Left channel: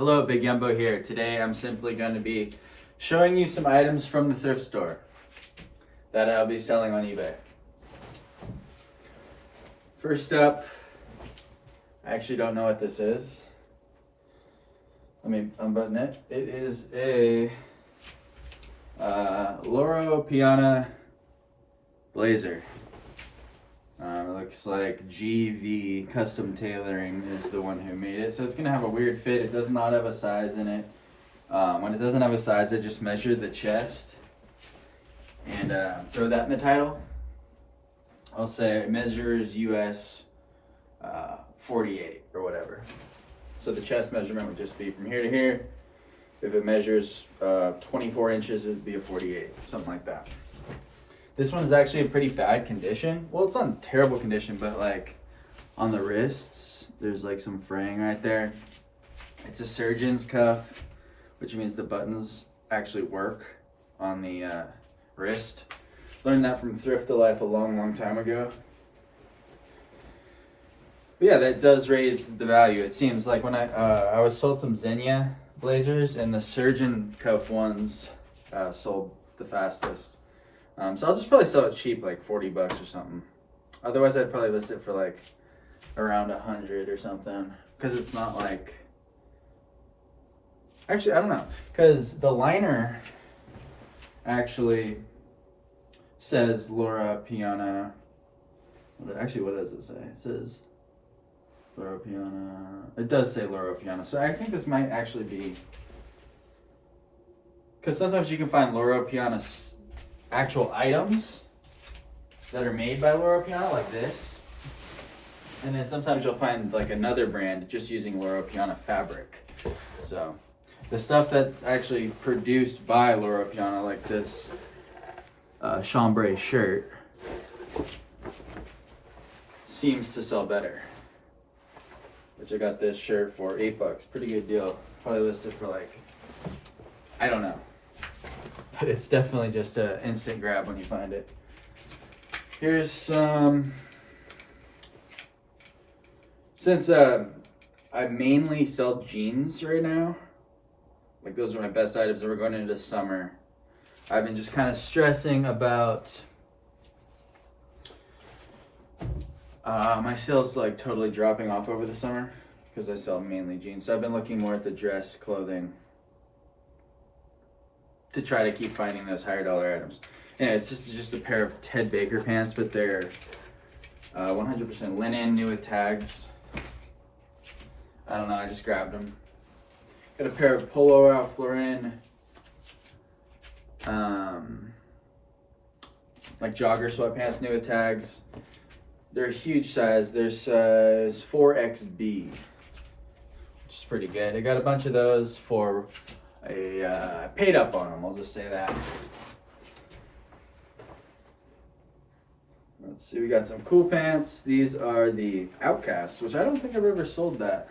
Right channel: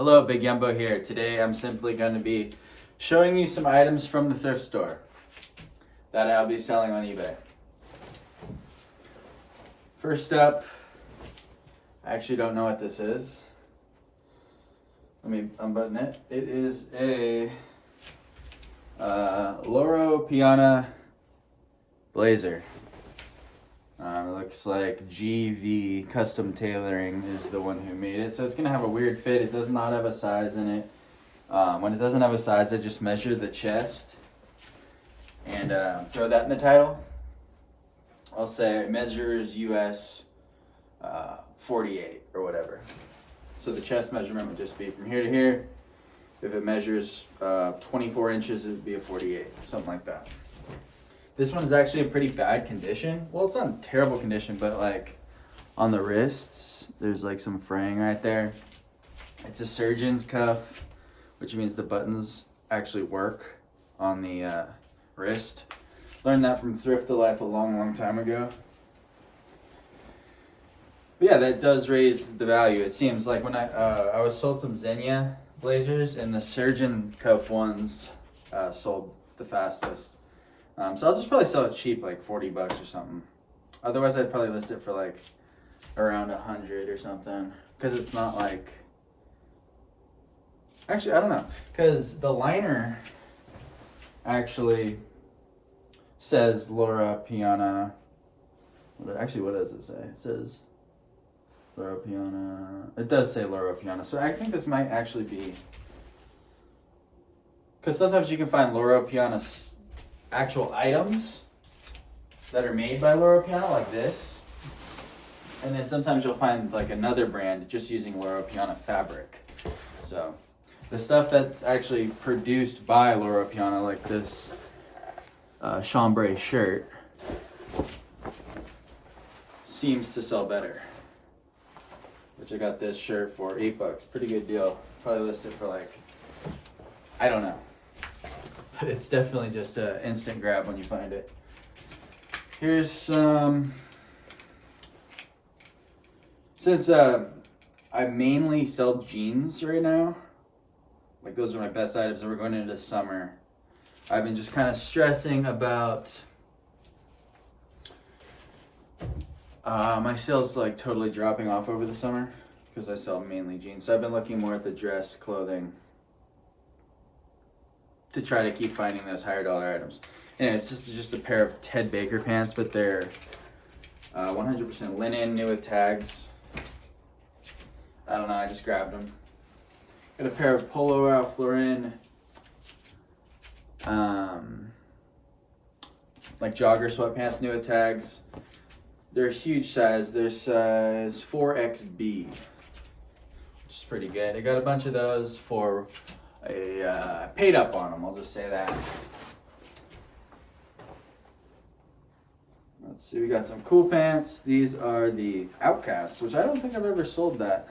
Hello, Big Yumbo here. Today I'm simply going to be showing you some items from the thrift store that I'll be selling on eBay. First up, I actually don't know what this is. Let me unbutton it. It is a Loro Piana blazer. Looks like GV Custom Tailoring is the one who made it. So it's going to have a weird fit. It does not have a size in it. When it doesn't have a size, I just measure the chest and throw that in the title. I'll say it measures US 48 or whatever. So the chest measurement would just be from here to here. If it measures 24 inches, it would be a 48, something like that. This one is actually in pretty bad condition. Well, it's not in terrible condition, but like on the wrists, there's like some fraying right there. It's a surgeon's cuff, which means the buttons actually work on the wrist. Learned that from Thrift to Life a long time ago. But yeah, that does raise the value. It seems like when I was sold some Xenia blazers, and the surgeon cuff ones sold the fastest. So I'll just probably sell it cheap, like 40 bucks or something. Otherwise, I'd probably list it for like around 100 or something. Because it's not like... Actually, I don't know. Because the liner actually says Loro Piana. Actually, what does it say? It says Loro Piana. It does say Loro Piana. So I think this might actually be... Because sometimes you can find Loro Piana actual items that are made by Loro Piana, like this. And then sometimes you'll find like another brand just using Loro Piana fabric. So the stuff that's actually produced by Loro Piana, like this chambray shirt, seems to sell better. Which I got this shirt for $8. Pretty good deal. Probably listed for like, I don't know. But it's definitely just an instant grab when you find it. Here's some... Since I mainly sell jeans right now, like those are my best items, and we're going into summer, I've been just kind of stressing about my sales like totally dropping off over the summer because I sell mainly jeans. So I've been looking more at the dress clothing to try to keep finding those higher dollar items. And it's just a pair of Ted Baker pants, but they're 100% linen, new with tags. I don't know, I just grabbed them. Got a pair of Polo Ralph Lauren, like jogger sweatpants, new with tags. They're a huge size. They're size 4XB, which is pretty good. I got a bunch of those for I paid up on them, I'll just say that. Let's see, we got some cool pants. These are the Outcast, which I don't think I've ever sold that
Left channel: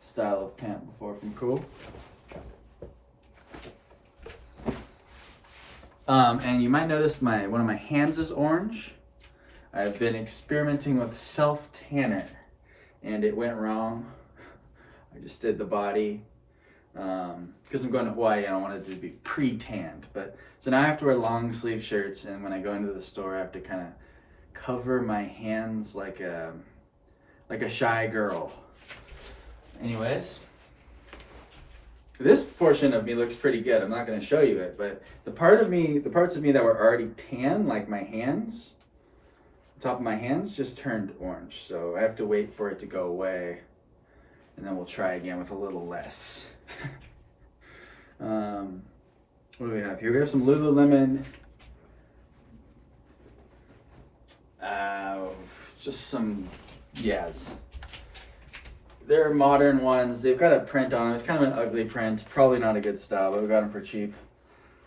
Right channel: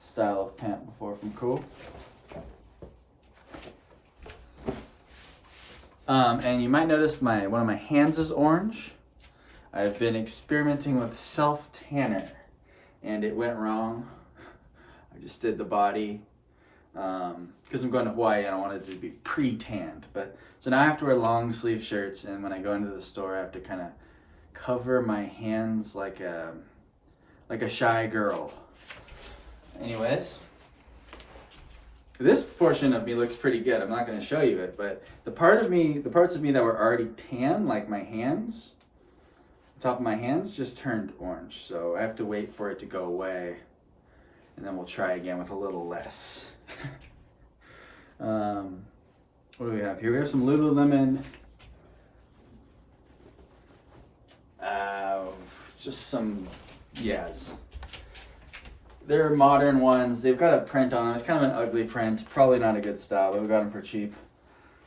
style of pant before from Cool. And you might notice one of my hands is orange. I've been experimenting with self-tanner, and it went wrong. I just did the body. Because I'm going to Hawaii, I don't want it to be pre-tanned. But so now I have to wear long sleeve shirts, and when I go into the store, I have to kind of cover my hands like a shy girl. Anyways, this portion of me looks pretty good. I'm not going to show you it, but the parts of me that were already tan, like my hands, the top of my hands just turned orange. So I have to wait for it to go away, and then we'll try again with a little less. What do we have here? We have some Lululemon, just some Yas. They're modern ones. They've got a print on them. It's kind of an ugly print, probably not a good style, but we got them for cheap.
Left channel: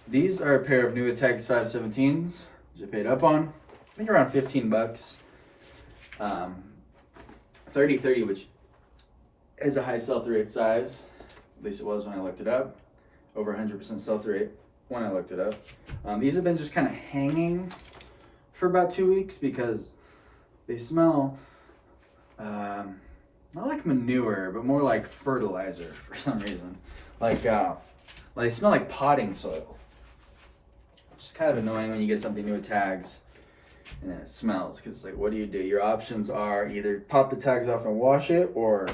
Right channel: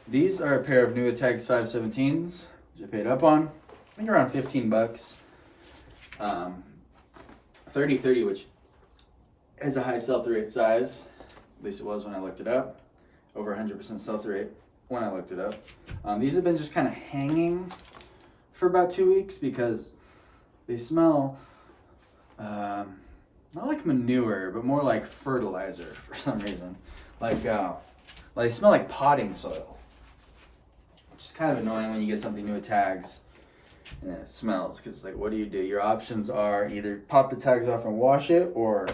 These are a pair of new Tags 517s, which I paid up on. I think around 15 bucks. 30/30, which is a high sell-through rate size. At least it was when I looked it up. Over 100% sell-through rate when I looked it up. These have been just kind of hanging for about 2 weeks because they smell not not like manure, but more like fertilizer for some reason. Like they smell like potting soil, which is kind of annoying when you get something new with tags and then it smells, because it's like, what do? Your options are either pop the tags off and wash it, or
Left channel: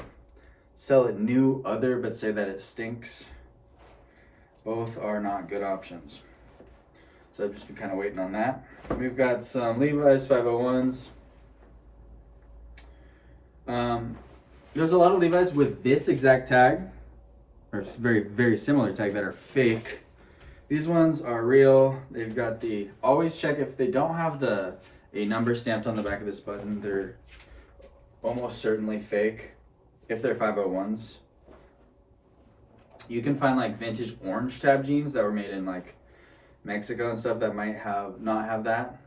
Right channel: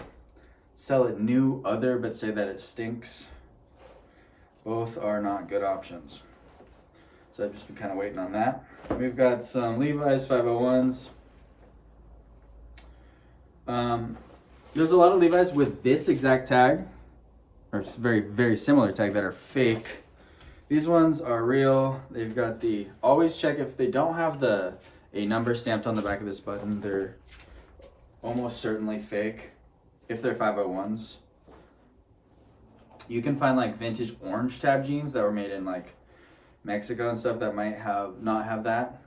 sell it new other but say that it stinks. Both are not good options. So I've just been kind of waiting on that. We've got some Levi's 501s. There's a lot of Levi's with this exact tag, or very, very similar tag, that are fake. These ones are real. They've got the, always check if they don't have a number stamped on the back of this button, they're almost certainly fake. If they're 501s. You can find like vintage orange tab jeans that were made in like Mexico and stuff that might not have that.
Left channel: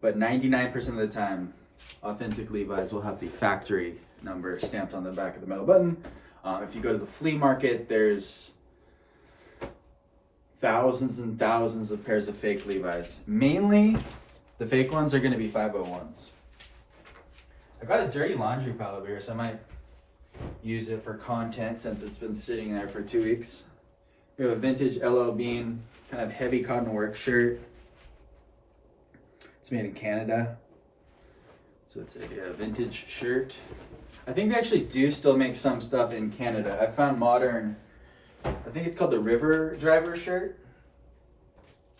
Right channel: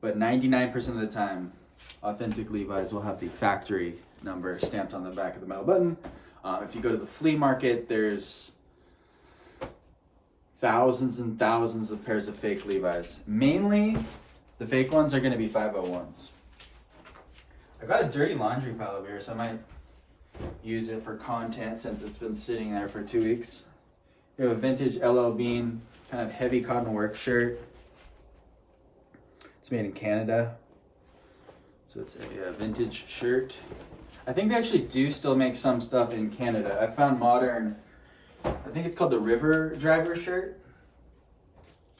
But 99% of the time, authentic Levi's will have the factory number stamped on the back of the metal button. If you go to the flea market, there's thousands and thousands of pairs of fake Levi's. Mainly, the fake ones are going to be 501s. I got a dirty laundry pile over here, so I might use it for content since it's been sitting there for 2 weeks. We have a vintage LL Bean, kind of heavy cotton work shirt. It's made in Canada. So it's a vintage shirt. I think they actually do still make some stuff in Canada. I found modern, I think it's called the River Driver shirt.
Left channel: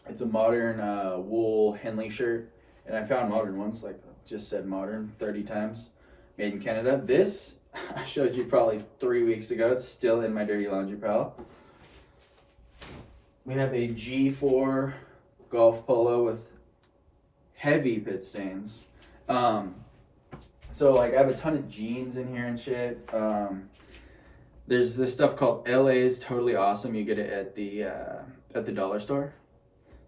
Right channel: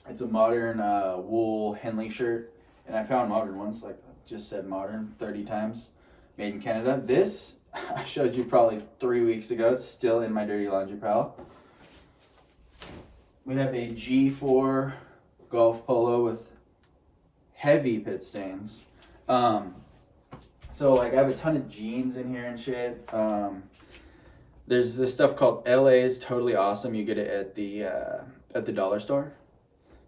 It's a modern wool Henley shirt. And I found modern ones, like just said modern 30 times, made in Canada. This I showed you probably 3 weeks ago. It's still in my dirty laundry pile. We have a G4 golf polo with heavy pit stains. So like I have a ton of jeans in here and shit. There's this stuff called LA's Totally Awesome. You get it at the dollar store.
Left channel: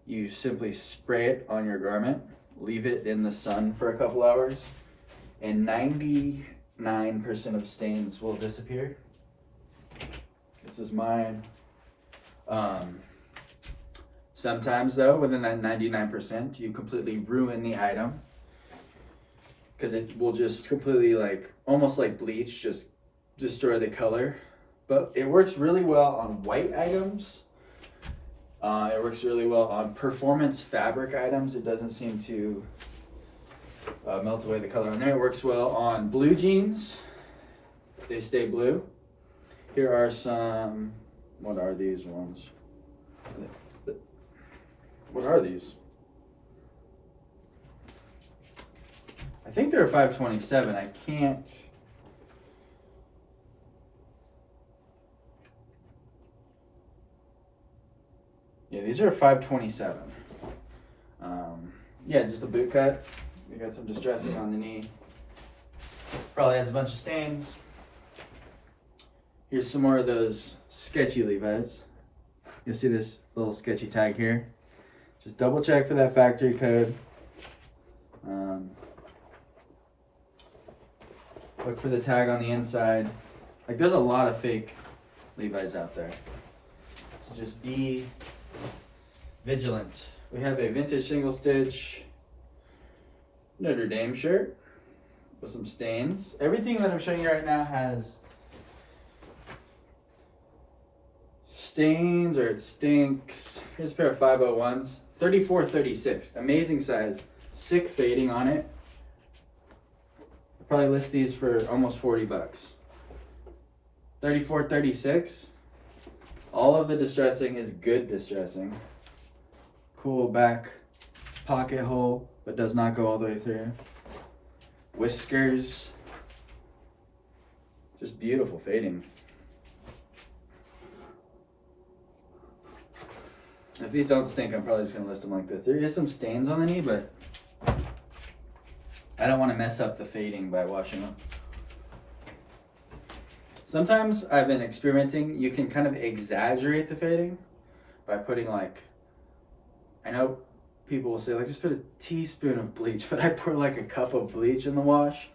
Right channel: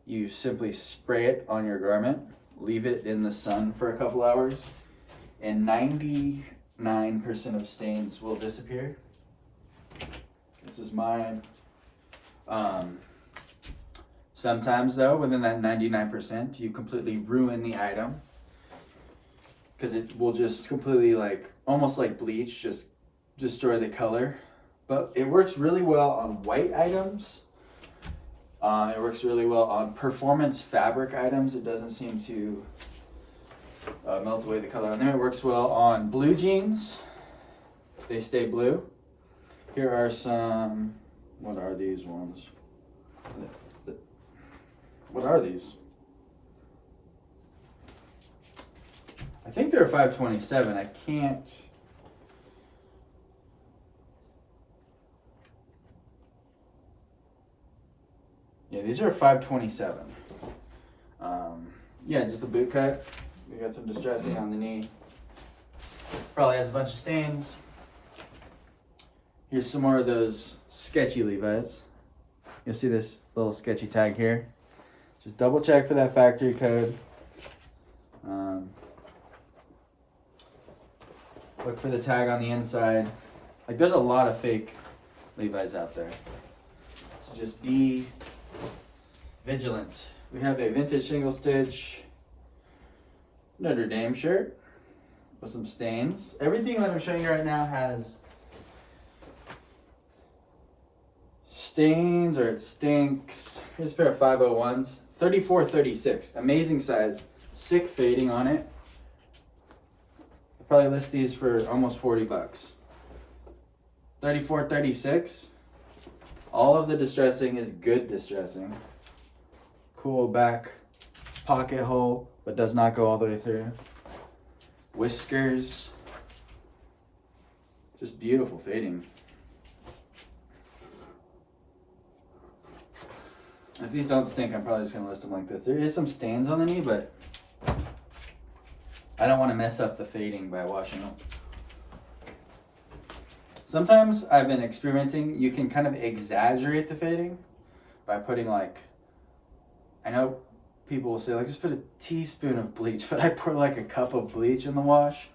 You simply spray it on your garment, leave it in the sun for a couple hours, and 99% of stains will disappear. This is mine. Sometimes though, within that 99%, you completely ruin the item, because it will just completely, like, almost like bleach, just destroy the color. But it works really well on white items. It works really well on performance fabric items. It doesn't seem to melt away the color on there. It works well on blue jeans. They stay blue. Here are some, what are these ones? What are these? I think they're 527. I can't. Yeah, these are 527. Yeah, just a boot cut. We got some distressing on the knee. Probably has a bunch of stains. Here's some more of those sketchy Levi's. You'll see this little sketchy tag here. Just double check for that factory code. Look for the tag on the inside. Like, there's a lot of fake Levi's out there. So just be vigilant. We have a vintage single stitch Notre Dame shirt with some stains. Everything that I'm showing you right now has stains or it stinks. Here's a pair of 501s. 34-36. Amazing size. Sick fading on it. I'll probably list these for almost 40 bucks. 34-36. All of the distressing is good distressing. Cool back pocket hole, but does not go all the way through. Whiskers. Just beautiful fading. If these don't stink, I'm probably just going to list them like this. There is some stains on the knee, but I don't want to mess up the fading by washing them. Sometimes I've been experimenting. You can kind of exaggerate the fading by putting, like, I know people will say, like, just put a teaspoon of bleach, but I pour like a cup of bleach in the wash,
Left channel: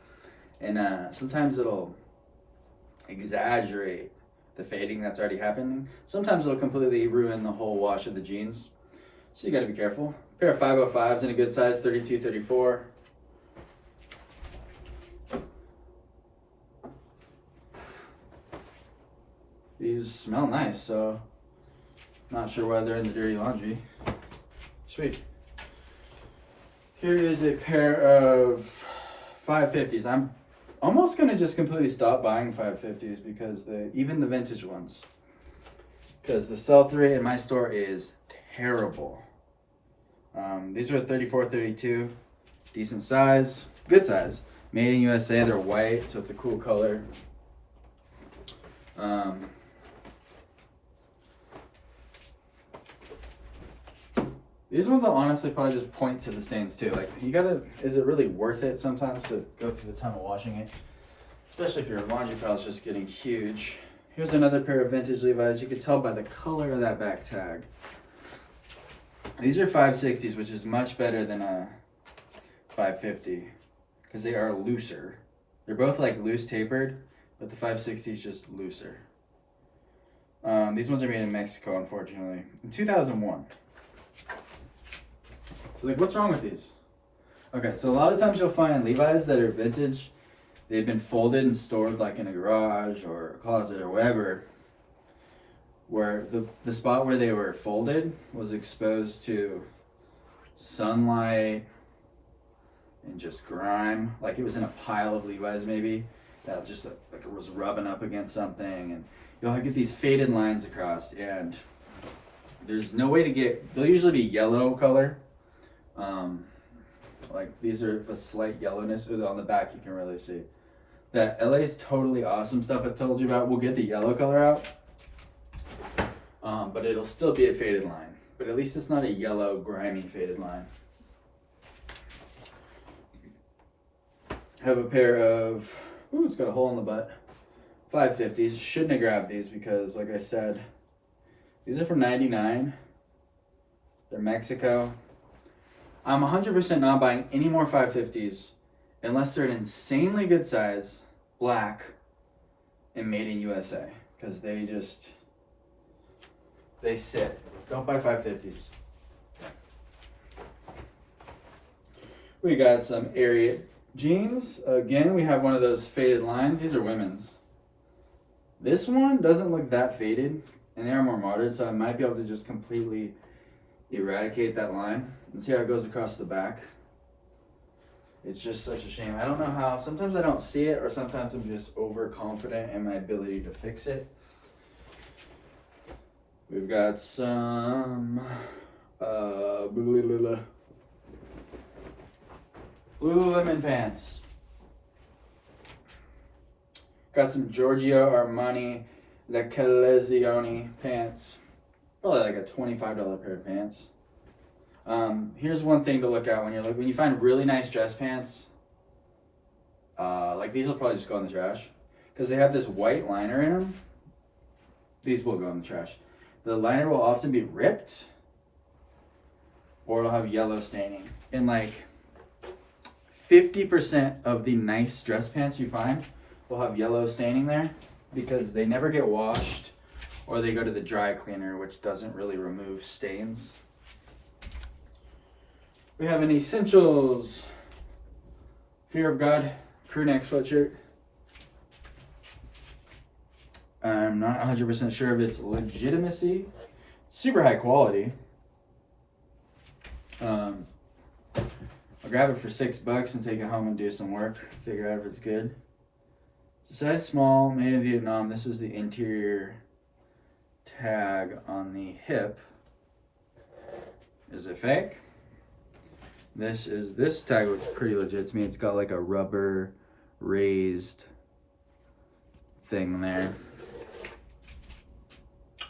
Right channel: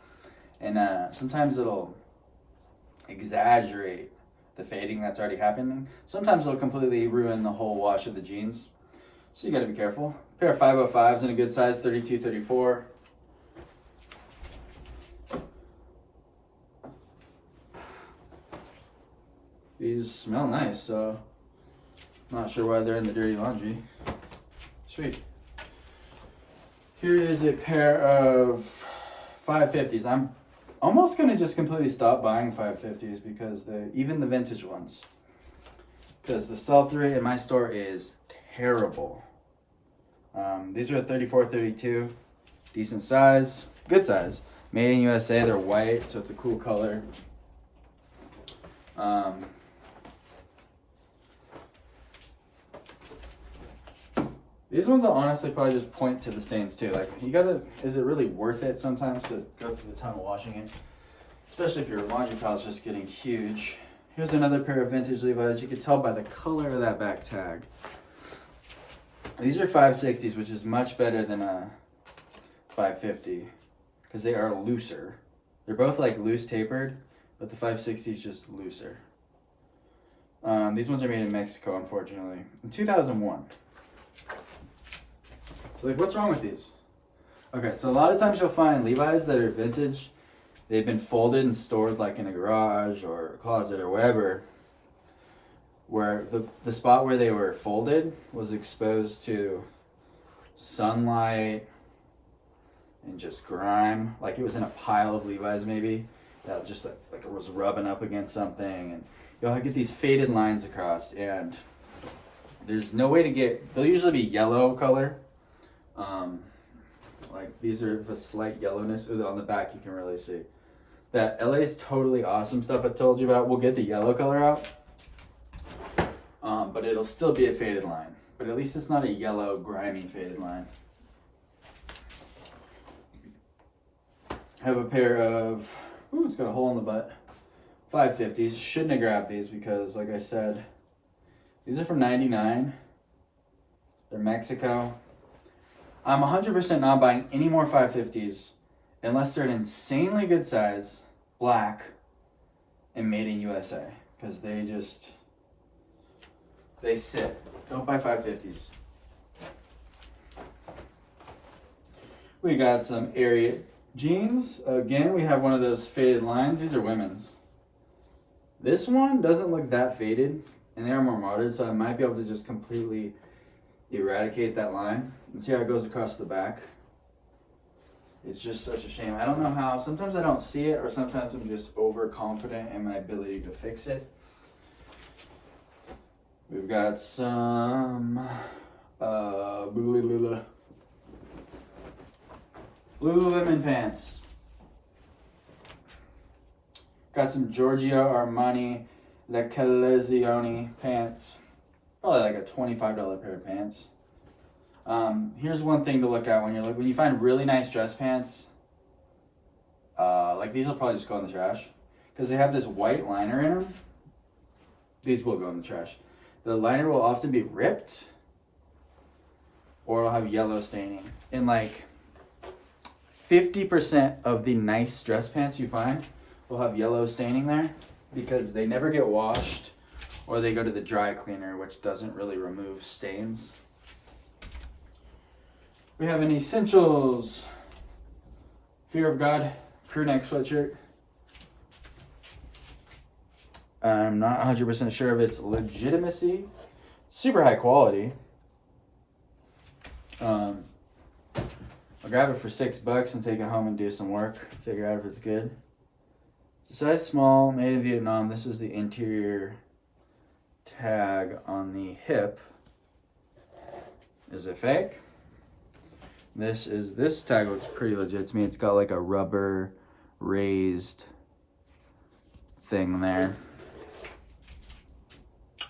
and sometimes it'll exaggerate the fading that's already happening. Sometimes it'll completely ruin the whole wash of the jeans. So you gotta be careful. A pair of 505s in a good size, 32-34. these smell nice, so not sure why they're in the dirty laundry. Sweet. Here is a pair of 550s. I'm almost gonna just completely stop buying 550s because even the vintage ones, because the sell-through rate in my store is terrible. These are 34, 32, decent size, good size. Made in USA, they're white, so it's a cool color. These ones I'll honestly probably just point to the stains too. Like, is it really worth it sometimes to go through the time of washing it? Especially if your laundry pile is just getting huge. Here's another pair of vintage Levi's. You can tell by the color of that back tag. These are 560s, which is much better than a 550 because they are looser. They're both like loose tapered, but the 560 is just looser. These ones are made in Mexico, unfortunately, in 2001. So like, what's wrong with these? Okay, so a lot of times you'll find Levi's that are vintage, they've been folded and stored like in a garage or a closet or whatever, where the spot where they were folded was exposed to sunlight and just grime. Like it was in a pile of Levi's maybe, that just like it was rubbing up against something, and you'll get these faded lines across, and there's no way to get, they'll usually be yellow color. Like these are the slight yellowness. On the back you can really see. That LA's Totally Awesome stuff I told you about will get the yellow color out. But it'll still be a faded line. But at least it's not a yellow, grimy faded line. I have a pair of, ooh, it's got a hole in the butt. 550s. Shouldn't have grabbed these because, like I said, these are from '99. They're Mexico. I'm 100% not buying any more 550s unless they're an insanely good size, black, and made in USA. Because they sit. Don't buy 550s. We got some Ariat jeans. Again, we have one of those faded lines. These are women's. This one doesn't look that faded, and they are more modern, so I might be able to just completely eradicate that line and see how it goes across the back. It's just such a shame. I don't know how. Sometimes I don't see it, or sometimes I'm just overconfident in my ability to fix it. We've got some Lululemon pants. Got some Giorgio Armani La Collezione pants. Probably like a $25 pair of pants. Here's one thing to look at when you find really nice dress pants. Like these will probably just go in the trash because they have this white liner in them. These will go in the trash. The liner will often be ripped, or it'll have yellow staining. And like 50% of the nice dress pants you find will have yellow staining there because they never get washed, or they go to the dry cleaner, which doesn't really remove stains. We have an Essentials Fear of God crew neck sweatshirt. I'm not 100% sure of its legitimacy. Super high quality. I'll grab it for $6 and take it home and do some work. Figure out if it's good. It's a size small, made in Vietnam. This is the interior tag on the hip. Is it fake? This tag looks pretty legit to me. It's got like a rubber raised thing there.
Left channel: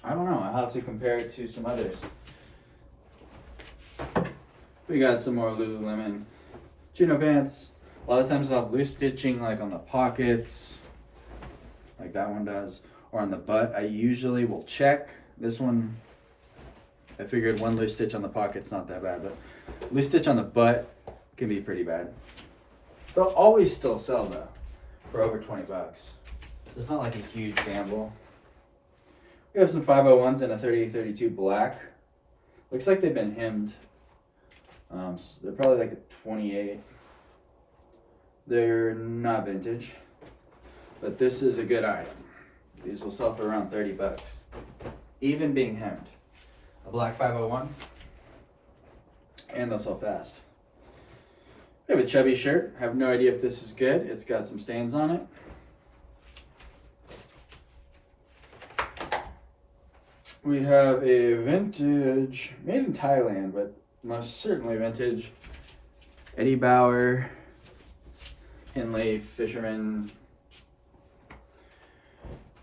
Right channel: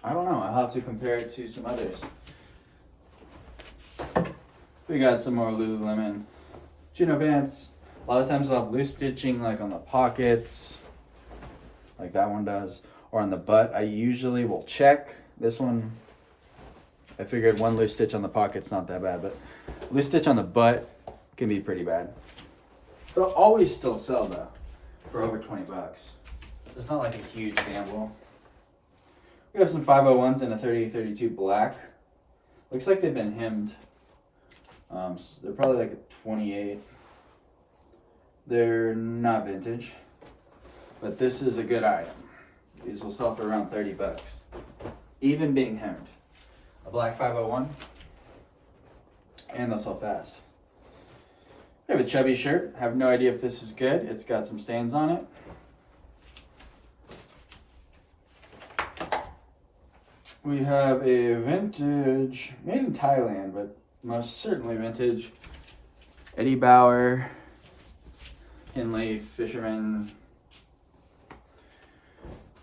I don't know. I'll have to compare it to some others. We got some more Lululemon chino pants. A lot of times I'll have loose stitching like on the pockets, like that one does, or on the butt. I usually will check. This one, I figured one loose stitch on the pocket's not that bad, but loose stitch on the butt can be pretty bad. They'll always still sell though for over $20. So it's not like a huge gamble. We have some 501s and a 3832 black. Looks like they've been hemmed. So they're probably like a 28. They're not vintage, but this is a good item. These will sell for around 30 bucks. Even being hemmed. A black 501. And they'll sell fast. I have a chubby shirt. I have no idea if this is good. It's got some stains on it. We have a vintage, made in Thailand, but most certainly vintage, Eddie Bauer, Henley, Fisherman,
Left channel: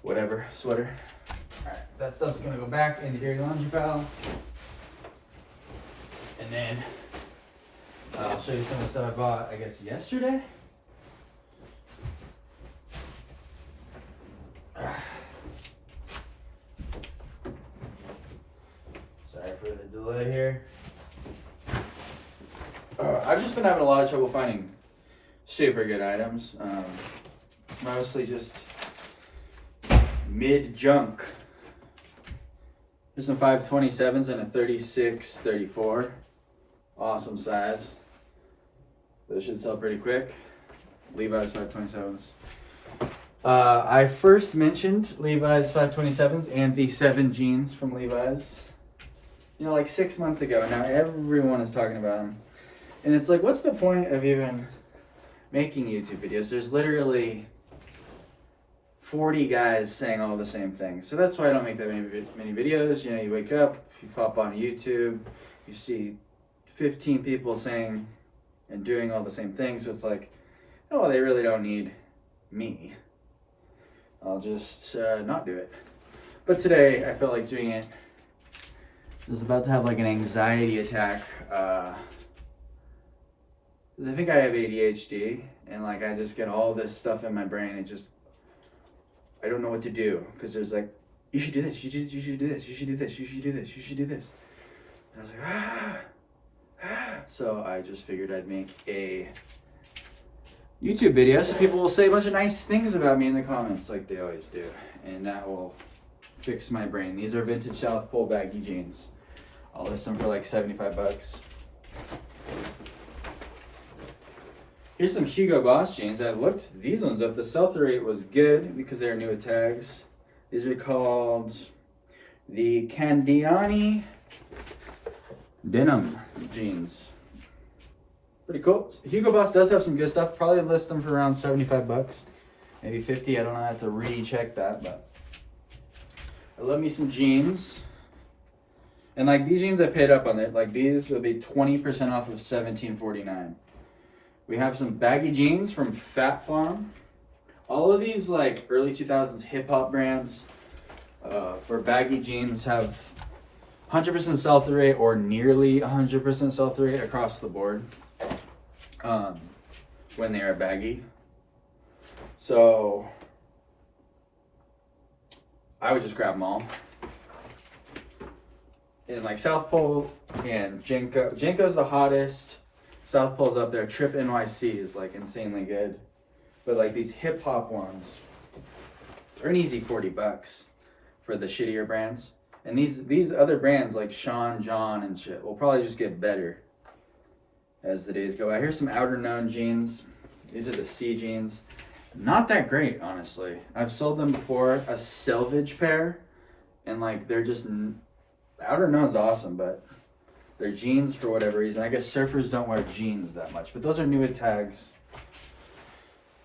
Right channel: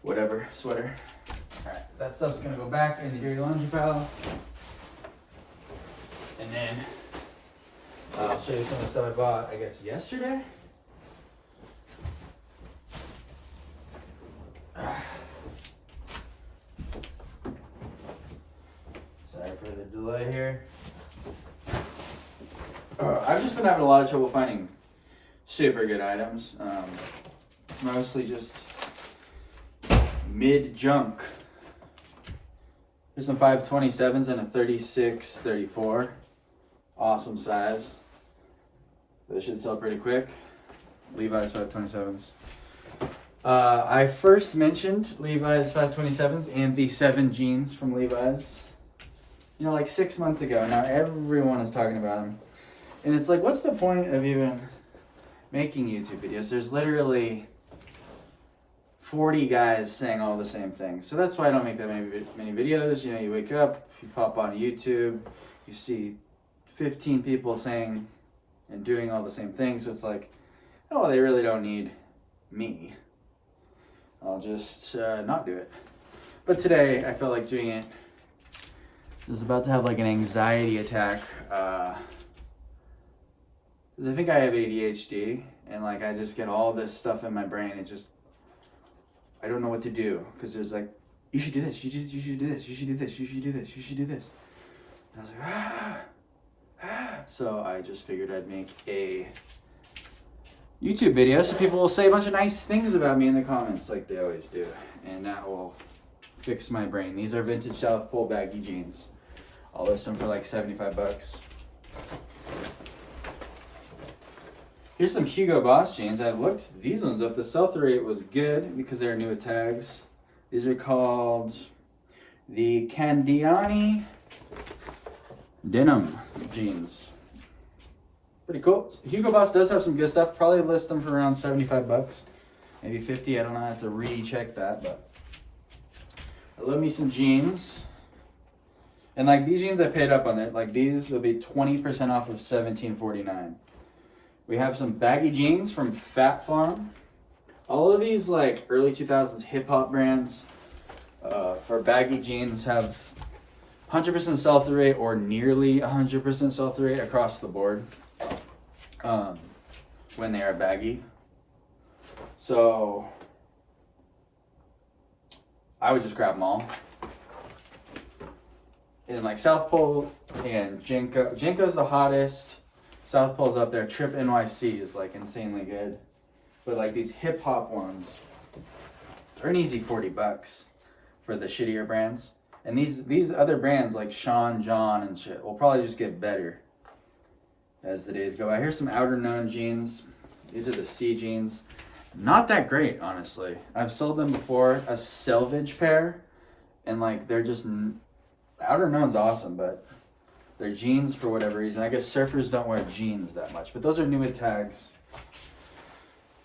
whatever, sweater. Alright, that stuff's gonna go back in the dirty laundry pile. And then I'll show you some of the stuff I bought, I guess, yesterday. Sorry for the delay here. I've just been having a lot of trouble finding super good items. It's mostly just mid-junk. There's some 527s and a 36-34. Awesome size. Those should sell pretty quick. Levi's 527s. I first mentioned Levi's 527s and the 7 jeans from Levi's, you know, like 6 months ago, and now everyone is talking about them. And it's like, what's the point of even making YouTube videos? There's literally 40 guys saying all the same things. So that's why I don't make that many videos. You know, you wake up, you pop on YouTube, you see 15 people saying and doing all the same things. So it's like, oh, they really don't need me. I'll just not do it. But today, I felt like doing it. I was about to have like an anxiety attack. Because I think I have ADHD, and like I just get all this stuff in my brain, and just, I don't know what to do. Because there's like, you should do this, you should do this, you should do this, you should do this, you should do this. And I was like, So I just figured I'd make a YouTube video so people will say a bunch of nice things about me in the comments like they always do. And that will fix my brain. These are vintage South Pole baggy jeans. I'll list them for like 75 bucks. Here's some Hugo Boss jeans. I looked these ones up. The sell-through rate was good because they're new with tags. These are called the Candiani denim jeans. Pretty cool. Hugo Boss does have some good stuff. Probably list them for around 75 bucks. Maybe 50. I don't know. I have to recheck that, but I love me some jeans. And like these jeans I paid up on it. Like these would be 20% off of $17.49. We have some baggy jeans from Fat Farm. All of these like early 2000s hip hop brands for baggy jeans have 100% sell-through rate or nearly 100% sell-through rate across the board when they are baggy. So I would just grab them all. And like South Pole and Jenko. Jenko's the hottest. South Pole's up there. Trip NYC is like insanely good. But like these hip hop ones are an easy 40 bucks for the shittier brands. And these other brands like Sean John and shit will probably just get better as the days go by. Here's some Outer Known jeans. These are the C jeans. Not that great, honestly. I've sold them before, a selvage pair, and like they're just, Outer Known's awesome, but they're jeans for whatever reason. I guess surfers don't wear jeans that much, but those are new with tags,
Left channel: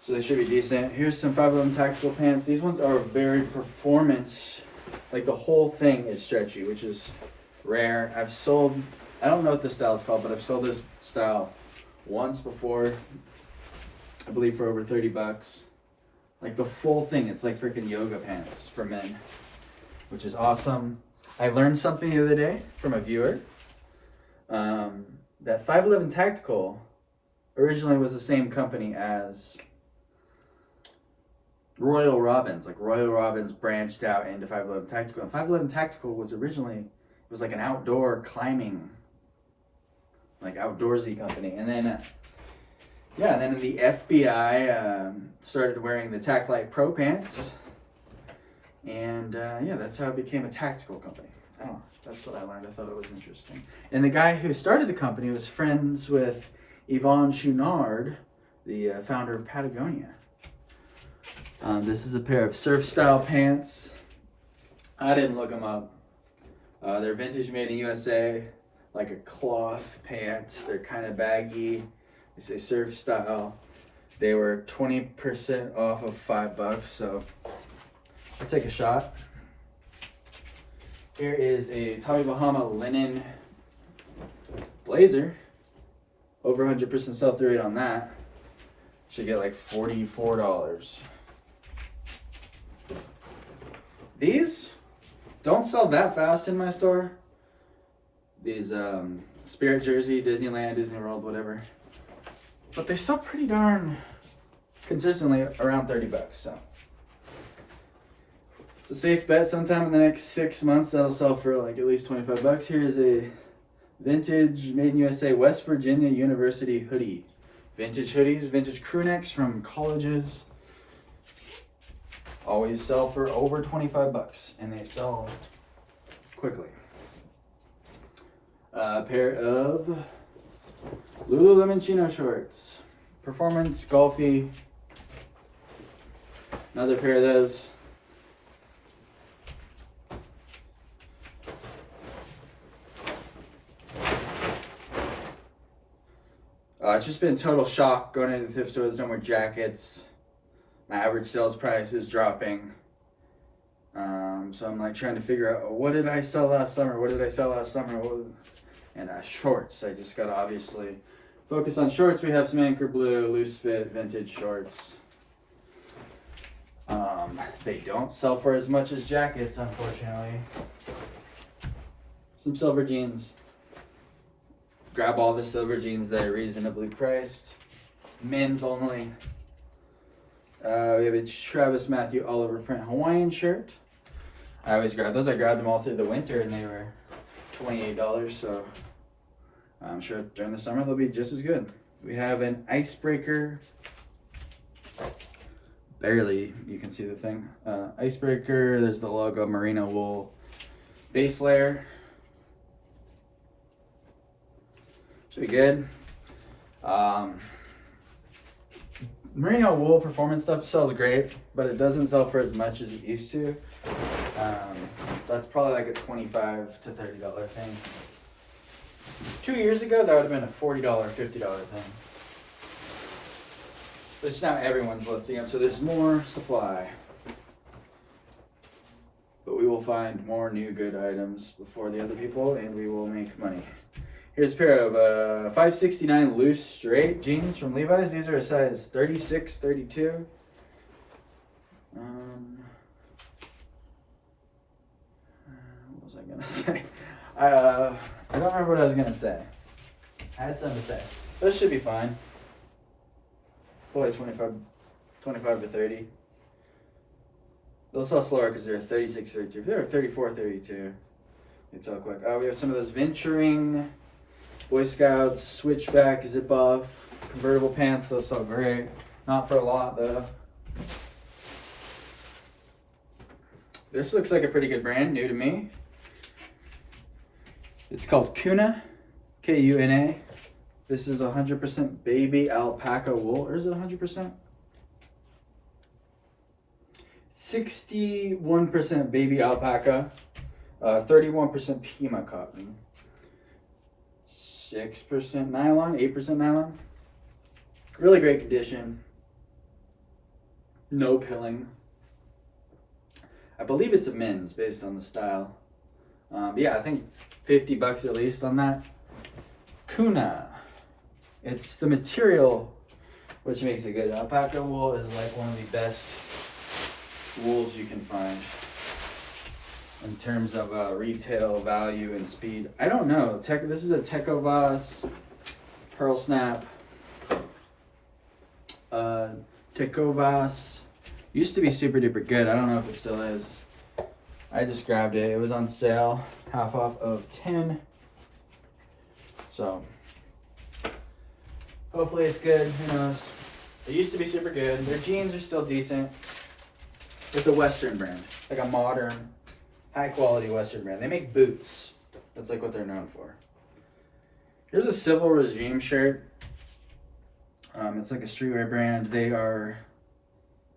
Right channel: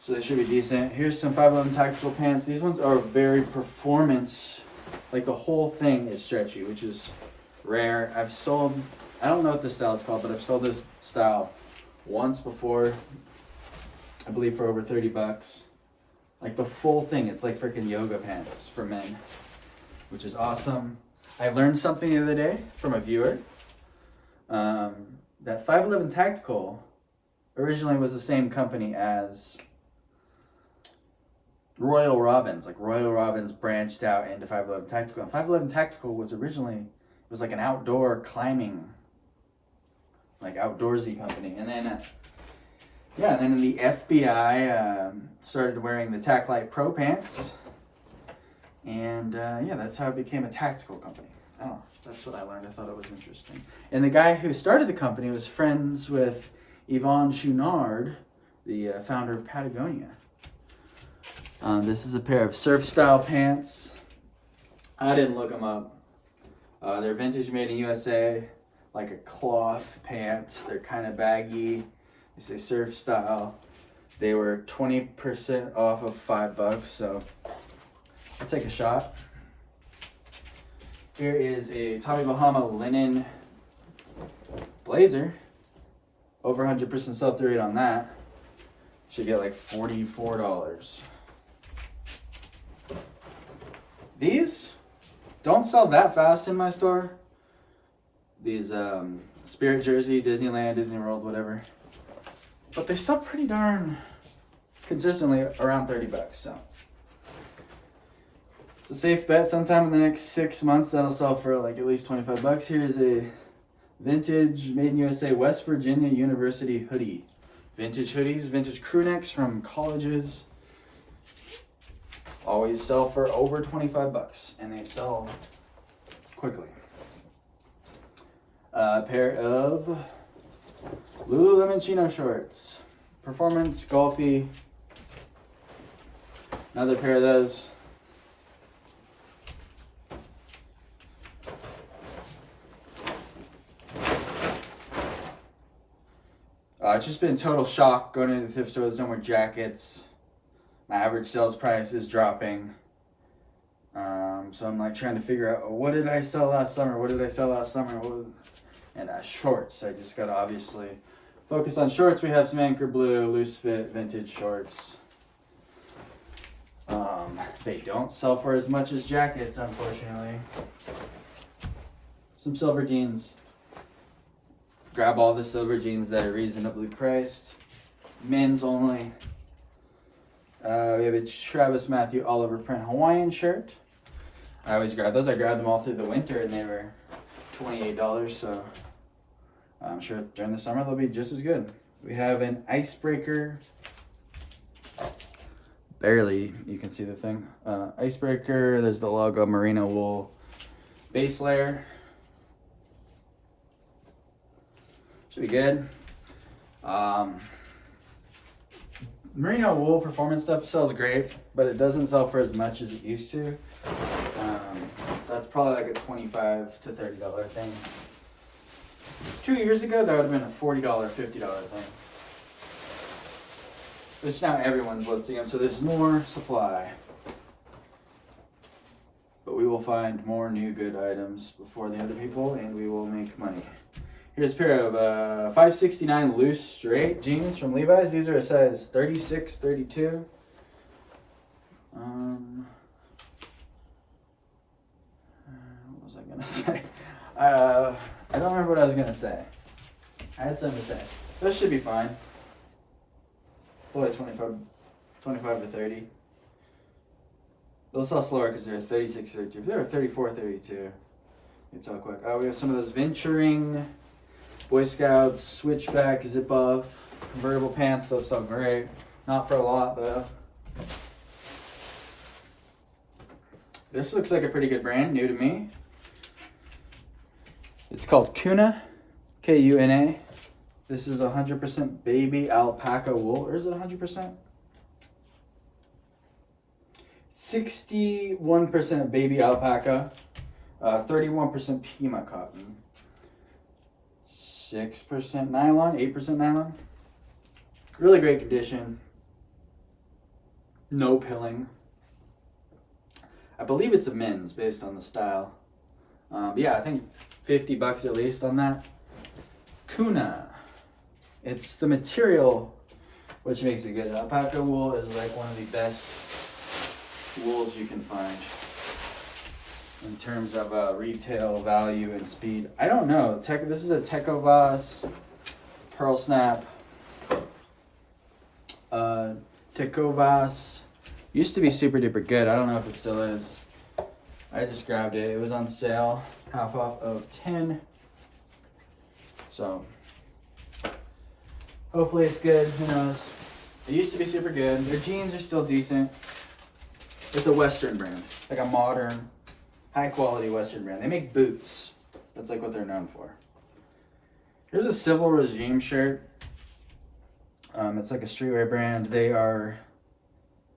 so they should be decent. Here's some 511 tactical pants. These ones are very performance. Like the whole thing is stretchy, which is rare. I've sold, I don't know what this style is called, but I've sold this style once before, I believe for over 30 bucks. Like the full thing, it's like freaking yoga pants for men, which is awesome. I learned something the other day from a viewer. That 511 Tactical originally was the same company as Royal Robbins. Like Royal Robbins branched out into 511 Tactical. And 511 Tactical was originally, it was like an outdoor climbing, like outdoorsy company. And then, yeah, and then the FBI started wearing the Tac Light Pro pants. And yeah, that's how it became a tactical company. I don't know. That's what I learned. I thought it was interesting. And the guy who started the company was friends with Yvon Chouinard, the founder of Patagonia. This is a pair of surf style pants. I didn't look them up. They're vintage, made in USA, like a cloth pant. They're kind of baggy. They say surf style. They were 20% off of $5, so I'll take a shot. Here is a Tommy Bahama linen blazer. Over 100% sell-through rate on that. Should get like $44. These don't sell that fast in my store. These Spirit Jersey, Disneyland, Disney World, whatever. But they sell pretty darn consistently around $30, so. It's a safe bet. Sometime in the next 6 months that'll sell for like at least $25. Here's a vintage, made in USA, West Virginia University hoodie. Vintage hoodies, vintage crew necks from colleges. Always sell for over $25, and they sell quickly. A pair of Lululemon chino shorts. Performance, golfy. Another pair of those. It's just been total shock going into thrift stores, no more jackets. My average sales price is dropping. So I'm like trying to figure out, what did I sell last summer? What did I sell last summer? And shorts. I just got to obviously focus on shorts. We have some Anchor Blue, loose fit, vintage shorts. They don't sell for as much as jackets, unfortunately. Some silver jeans. Grab all the silver jeans that are reasonably priced. Men's only. We have a Travis Matthew Oliver print Hawaiian shirt. I always grab those. I grabbed them all through the winter and they were $28, so I'm sure during the summer they'll be just as good. We have an Icebreaker. Barely you can see the thing. Icebreaker, there's the logo, merino wool base layer. Should be good. Merino wool performance stuff sells great, but it doesn't sell for as much as it used to. That's probably like a $25 to $30 thing. 2 years ago, that would have been a $40, $50 thing. Which now everyone's listing them, so there's more supply. But we will find more new good items before the other people, and we will make money. Here's a pair of 569 loose straight jeans from Levi's. These are a size 36, 32. What was I gonna say? I don't remember what I was gonna say. I had something to say. Those should be fine. Probably 25 to 30. They'll sell slower because they're 36, 32. If they were 34, 32, they'd sell quick. We have some of those venturing Boy Scouts, switchback, zip off, convertible pants. Those sell great. Not for a lot though. This looks like a pretty good brand, new to me. It's called Kuna, Kuna. This is 100% baby alpaca wool, or is it 100%? 61% baby alpaca, 31% Pima cotton, 6% nylon, 8% nylon. Really great condition. No pilling. I believe it's a men's based on the style. Yeah, I think $50 at least on that. Kuna. It's the material which makes it good. Alpaca wool is like one of the best wools you can find in terms of retail value and speed. I don't know. This is a Tecovas Pearl Snap. Tecovas used to be super duper good. I don't know if it still is. I just grabbed it. It was on sale, half off of 10. So hopefully it's good. Who knows? It used to be super good. Their jeans are still decent. It's a Western brand, like a modern, high quality Western brand. They make boots. That's like what they're known for. Here's a Civil Regime shirt. It's like a streetwear brand. They are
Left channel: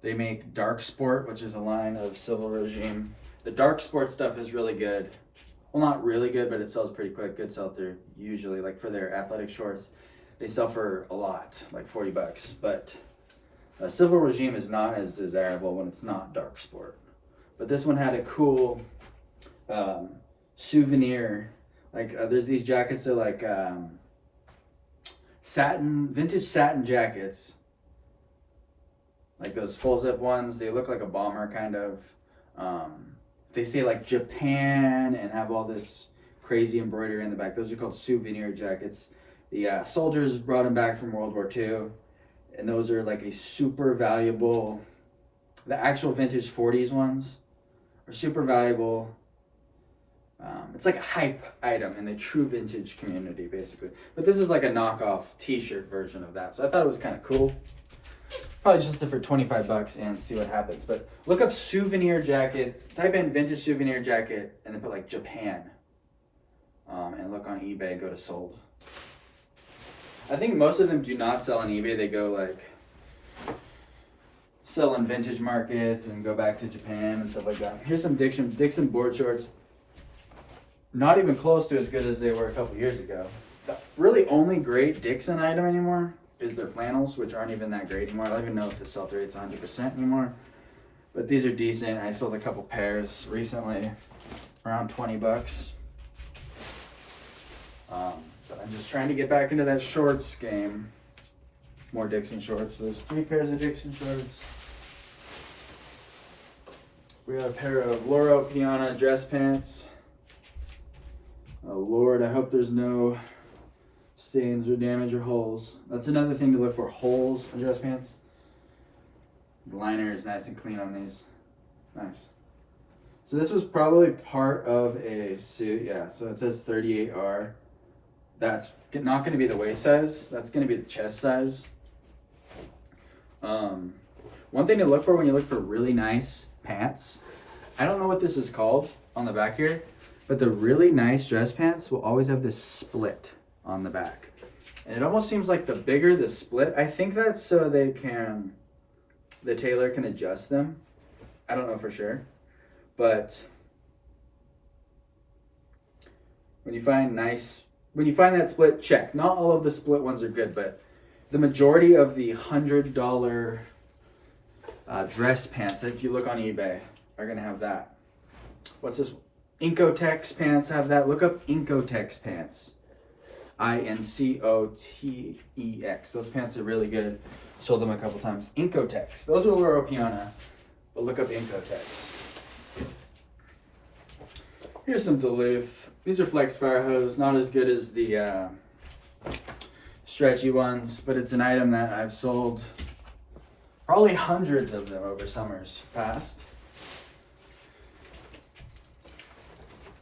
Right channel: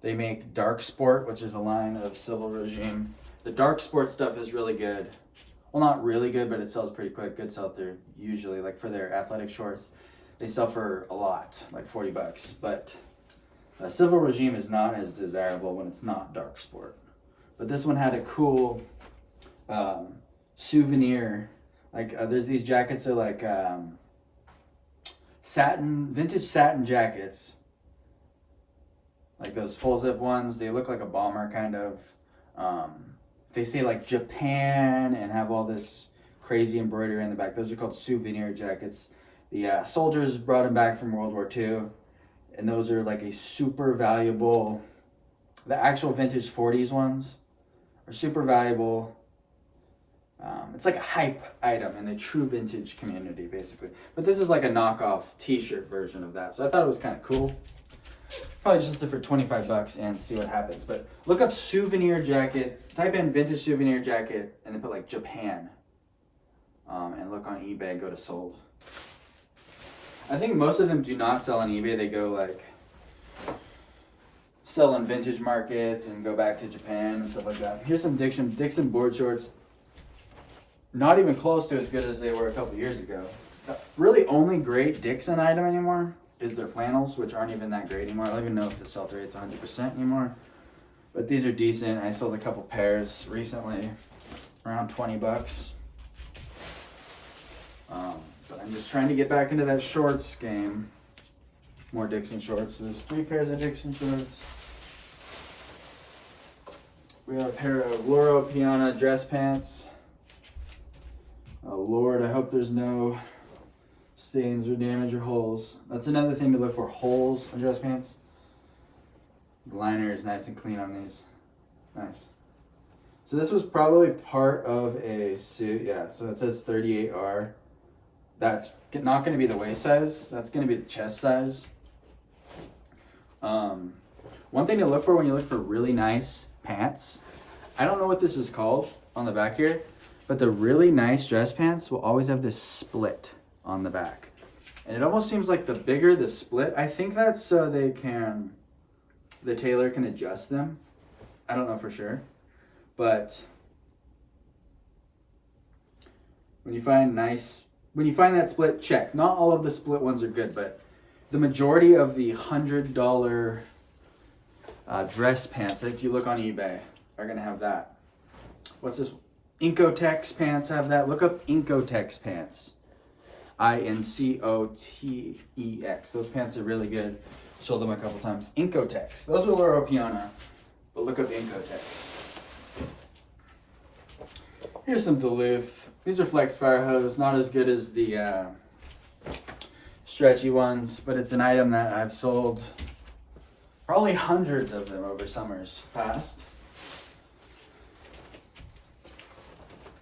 They make Dark Sport, which is a line of Civil Regime. The Dark Sport stuff is really good. Well, not really good, but it sells pretty quick. Good sell-through, usually, like for their athletic shorts. They sell for a lot, like 40 bucks. But Civil Regime is not as desirable when it's not Dark Sport. But this one had a cool souvenir. Like there's these jackets that are like vintage satin jackets. Like those full zip ones. They look like a bomber kind of. They say like Japan and have all this crazy embroidery in the back. Those are called souvenir jackets. The soldiers brought them back from World War II. And those are like a super valuable, the actual vintage 40s ones are super valuable. It's like a hype item in the true vintage community, basically. But this is like a knockoff t-shirt version of that. So I thought it was kind of cool. Probably just for 25 bucks and see what happens. But look up souvenir jacket, type in vintage souvenir jacket, and then put like Japan. And look on eBay and go to sold. I think most of them do not sell on eBay. They go like sell in vintage markets and go back to Japan and stuff like that. Here's some Dixon board shorts. Not even close to as good as they were a couple years ago. The really only great Dixon item anymore is their flannels, which aren't even that great anymore. I don't even know if the sell-through rate's 100% anymore. But these are decent. I sold a couple pairs recently, around 20 bucks. But I'm just trying to get back into that shorts game. More Dixon shorts. So there's 3 pairs of Dixon shorts. We have a pair of Loro Piana dress pants. Oh Lord, I hope there's no stains or damage or holes. That's another thing to look for, holes on dress pants. The liner is nice and clean on these. Nice. So this was probably part of a suit. Yeah, so it says 38R. That's not going to be the waist size. That's going to be the chest size. One thing to look for when you look for really nice pants, I don't know what this is called on the back here, but the really nice dress pants will always have this split on the back. And it almost seems like the bigger the split, I think that's so the tailor can adjust them. I don't know for sure. But when you find that split, check. Not all of the split ones are good, but the majority of the $100 dress pants, if you look on eBay, are gonna have that. What's this? Incotex pants have that. Look up Incotex pants. INCOTEX. Those pants are really good. Sold them a couple times. Incotex. Those are Loro Piana, but look up Incotex. Here's some Duluth. These are Flex Fire Hose. Not as good as the stretchy ones, but it's an item that I've sold probably hundreds of them over summers past.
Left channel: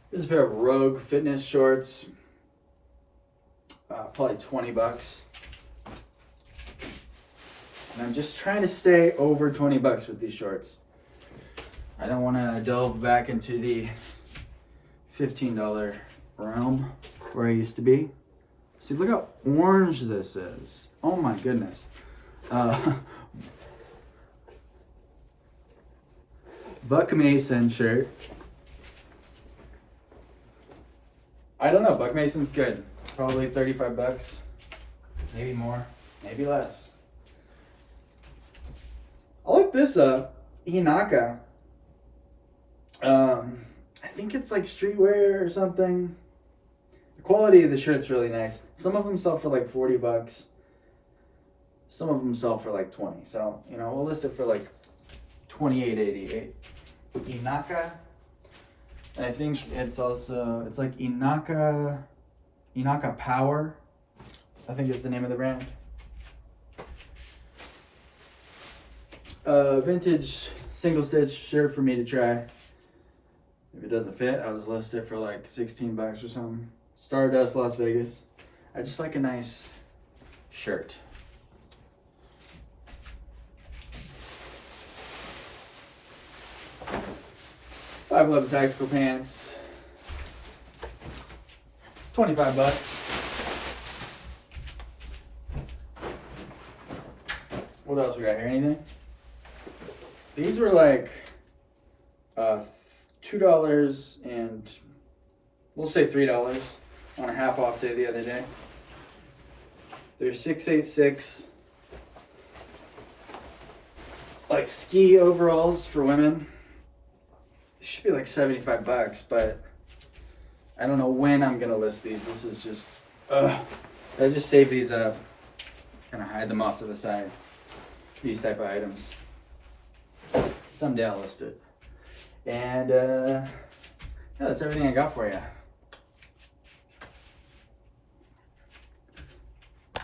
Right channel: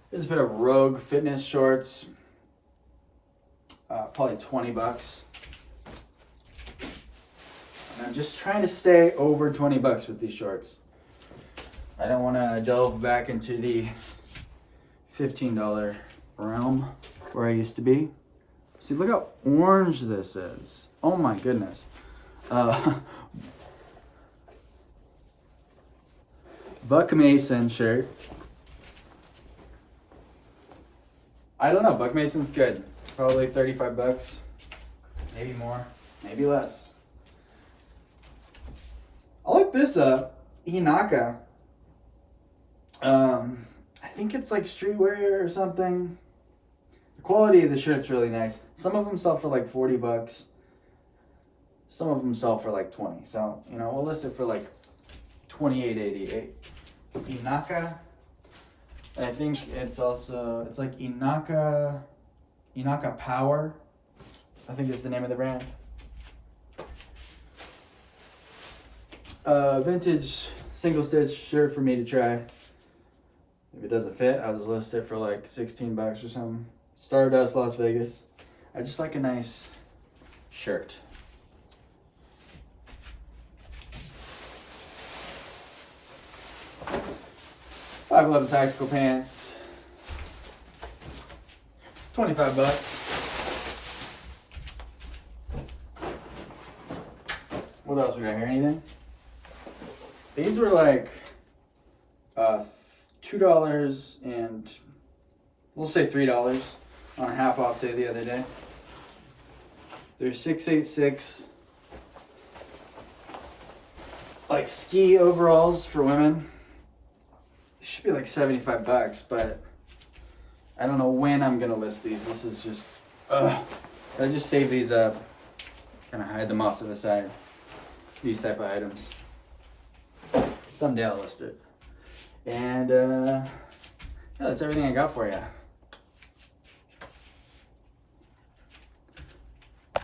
This is a pair of Rogue fitness shorts. Probably 20 bucks. And I'm just trying to stay over 20 bucks with these shorts. I don't want to delve back into the $15 realm where I used to be. See, look how orange this is. Oh my goodness. Buck Mason shirt. I don't know, Buck Mason's good. Probably 35 bucks. Maybe more, maybe less. I'll look this up. Inaka. I think it's like streetwear or something. The quality of the shirt's really nice. Some of them sell for like 40 bucks. Some of them sell for like 20. So, you know, we'll list it for like $28.88. Inaka. And I think it's also, it's like Inaka Power. I think it's the name of the brand. Vintage single stitch shirt for me to try. If it doesn't fit, I'll just list it for like 16 bucks or something. Stardust, Las Vegas. I just like a nice shirt. 511 tactical pants. 25 bucks. What else we got here? Anything? These were like $2 and we'll say $3 on a half off day the other day. They're 686 like ski overalls for women. It should be like 75 bucks, but I don't know when I'm gonna list these. This is just, I just save these up, kind of hide them off to the side. These type of items. Someday I'll list it. And yeah, that's everything I got for you.